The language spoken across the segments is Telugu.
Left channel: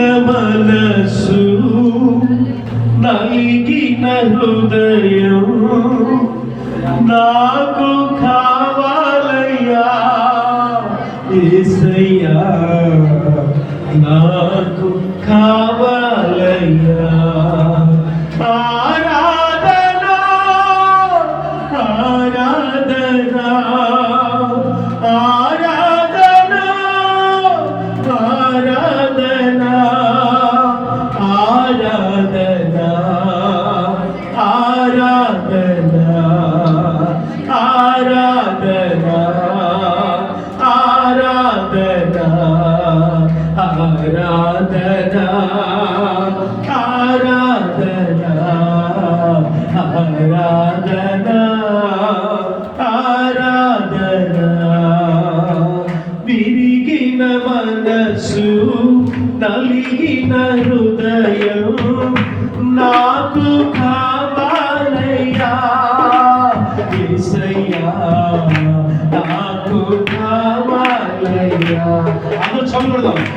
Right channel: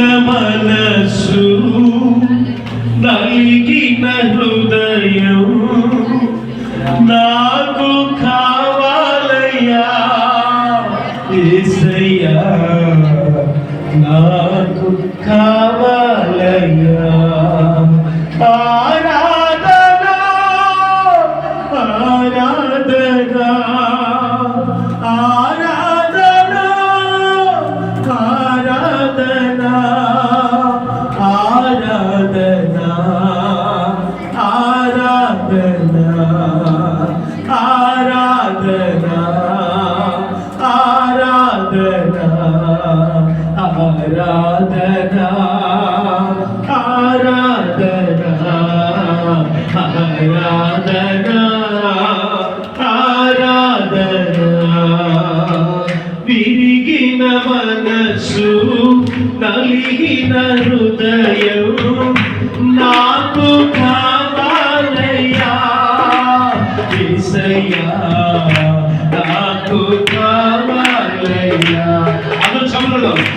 మనసు నలిగిన హృదయం నాకు కా నలిగిన మనసు నలిగిన హృదయం నాకు కావాలయ్యా. నాకు కావాలయ్యా. అను చంద్రుడు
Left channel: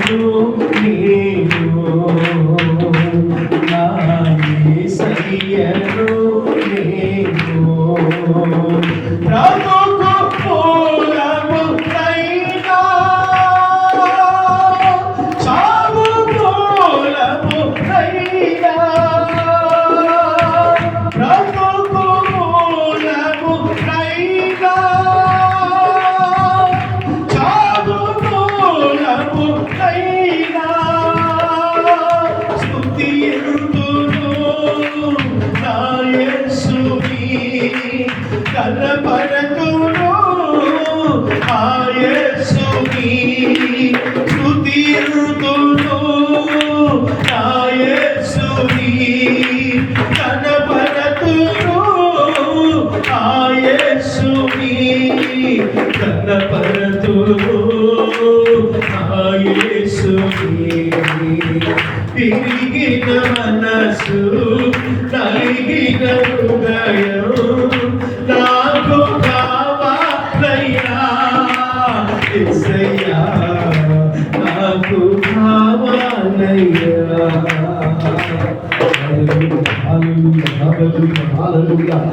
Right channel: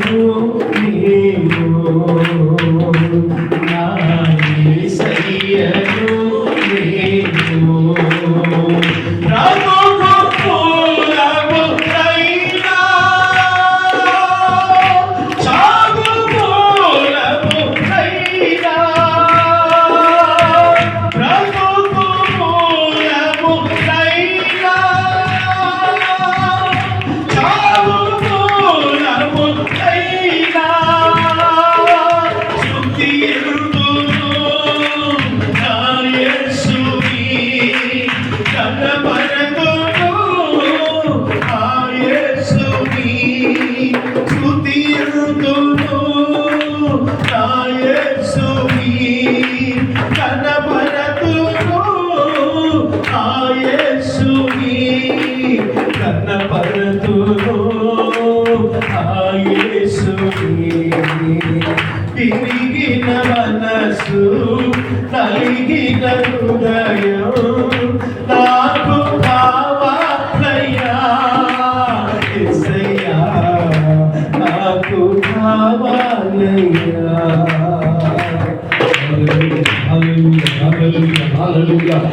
యేసు తిరిగిన మనసు కలిగిన హృదయం నాకు కావాలయ్యా ఎసయ్యా నాకు కావాలయ్యా Hallelujah, hallelujah, hallelujah.